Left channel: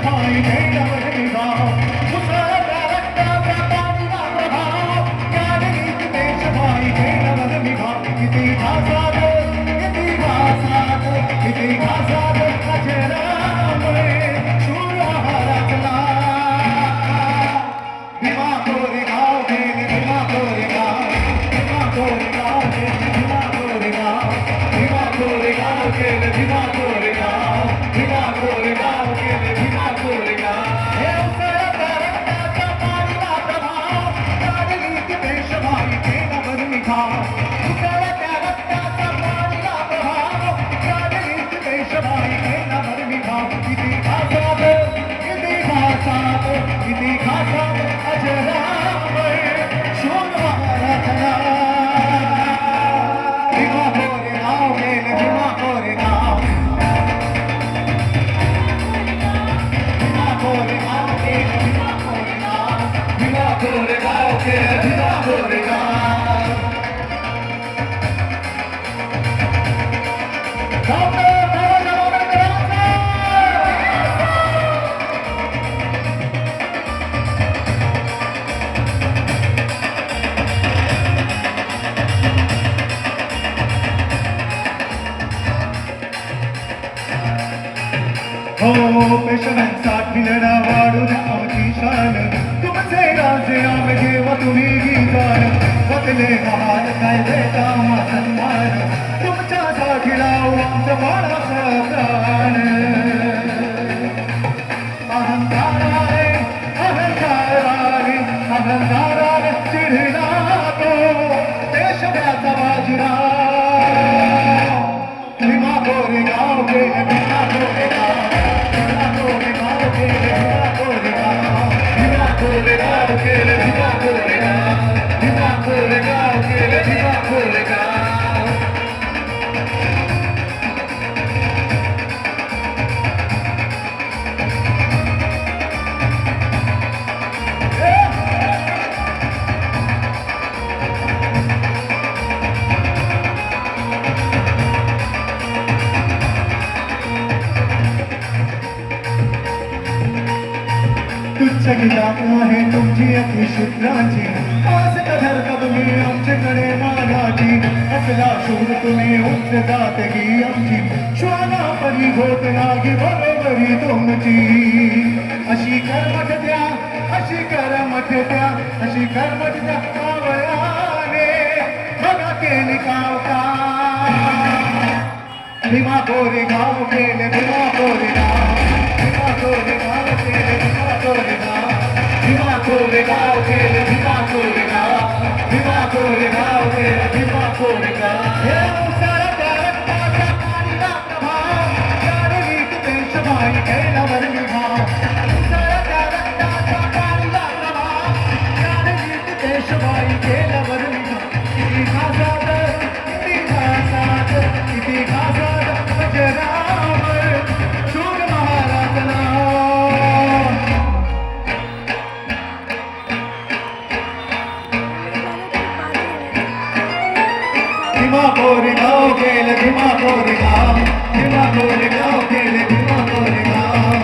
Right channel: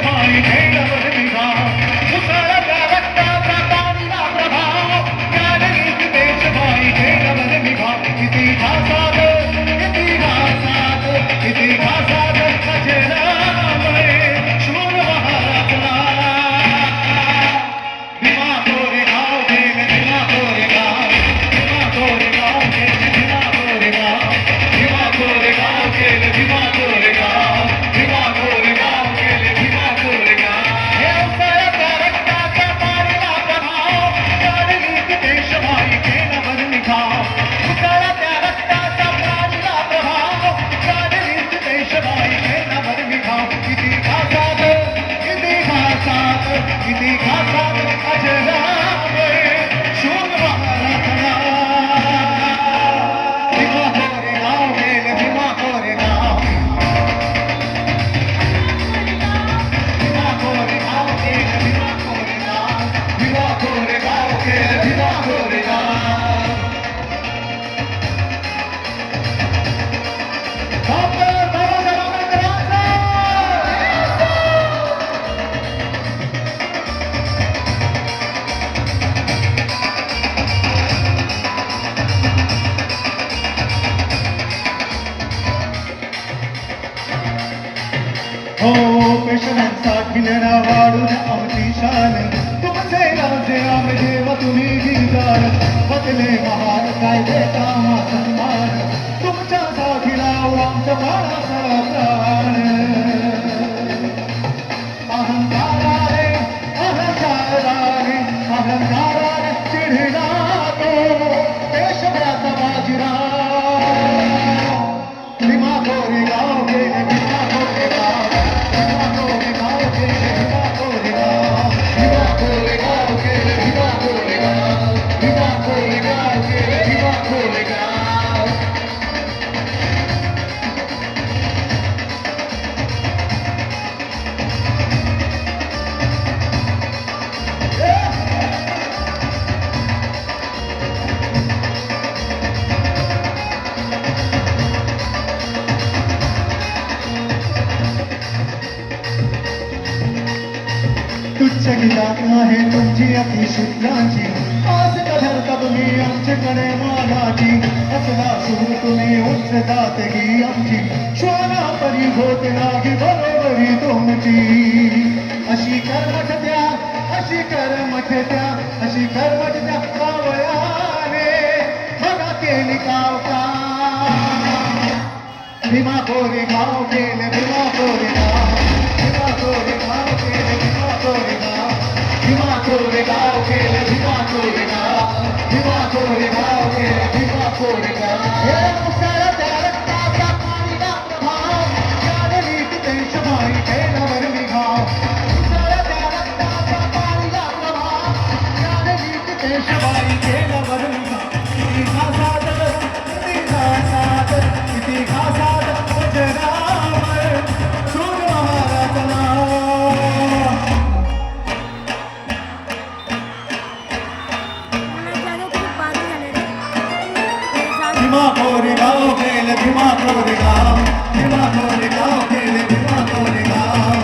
देशभाई केल्यावर निभाव उसळत्या रक्ताचा पाणीला प्रभाव राजनीती देशभाई केल्यावर निभाव इतिहासात अजरामर शूर महाराजला भीमा कोरेगाव गेले भीमा कोरेगाव भीमा कोरेगाव गेले भीमा कोरेगाव भीमा कोरेगाव गेले भीमा कोरेगाव भीमा कोरेगाव गेले भीमा कोरेगाव हे उसळत्या रक्ताचा पाणीला प्रभाव राजनीती देशभाई केल्यावर निभाव उसळत्या रक्ताचा पाणीला प्रभाव राजनीती देशभाई केल्यावर निभाव इतिहासात अजरामर शूर महाराजला भीमा कोरेगाव गेले भीमा कोरेगाव भीमा कोरेगाव गेले भीमा कोरेगाव भीमा कोरेगाव गेले भीमा कोरेगाव हो पेशव्यांसाठी लढा वाढून आमची शान तुमचे राजे आम्ही जेव्हा तुम्ही गीतान बदले हाल काय देता सन्मान तुमच्यासाठी लावू आमचं बाळाचं प्राण अहंकाराने अहंकाराने अहंकाराने चिढला तो देशभराचा बाजीराव भीमा कोरेगाव गेले भीमा कोरेगाव तुच्छ गीता आहे तुमची अति शुक्राची आज कधर तुम्ही आमच्याकडे मागाची असला शूर तुम्ही उच्च जातगी आमची श्वाना परी घोट लागी बरोबरी तुमची अशी कर्मठ द्या अशी कर्मठ द्या अशी कर्मठ द्या कावळ्याने मला केली कावका भीमा कोरेगाव गेले भीमा कोरेगाव भीमा कोरेगाव गेले भीमा कोरेगाव भीमा कोरेगाव गेले भीमा कोरेगाव भीमा कोरेगाव गेले भीमा कोरेगाव हे उसळत्या रक्ताचा पाणीला प्रभाव राजनीती देशभाई केल्यावर निभाव उसळत्या रक्ताचा पाणीला प्रभाव राजनीती देशभाई केल्यावर निभाव इतिहासात इतिहासात इतिहासात अजरामर शूर महाराजला भीमा कोरेगाव गेले भीमा कोरेगाव भीमा कोरेगाव गेले भीमा कोरेगाव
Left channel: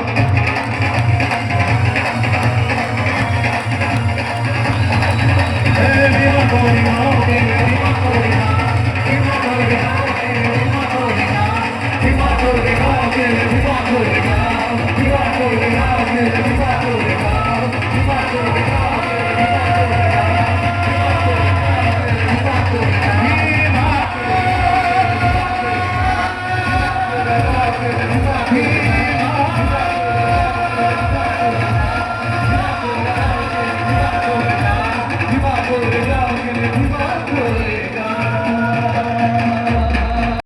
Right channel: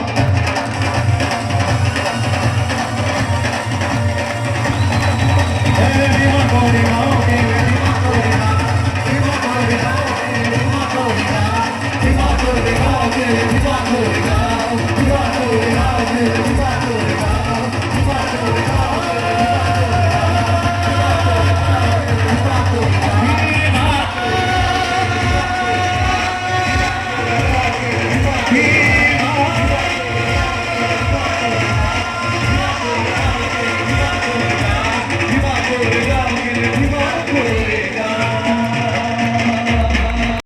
भीमा कोरेगाव गेले भीमा कोरेगाव भीमा कोरेगाव गेले भीमा कोरेगाव भीमा कोरेगाव गेले भीमा कोरेगाव भीमा कोरेगाव गेले भीमा कोरेगाव भीमा कोरेगाव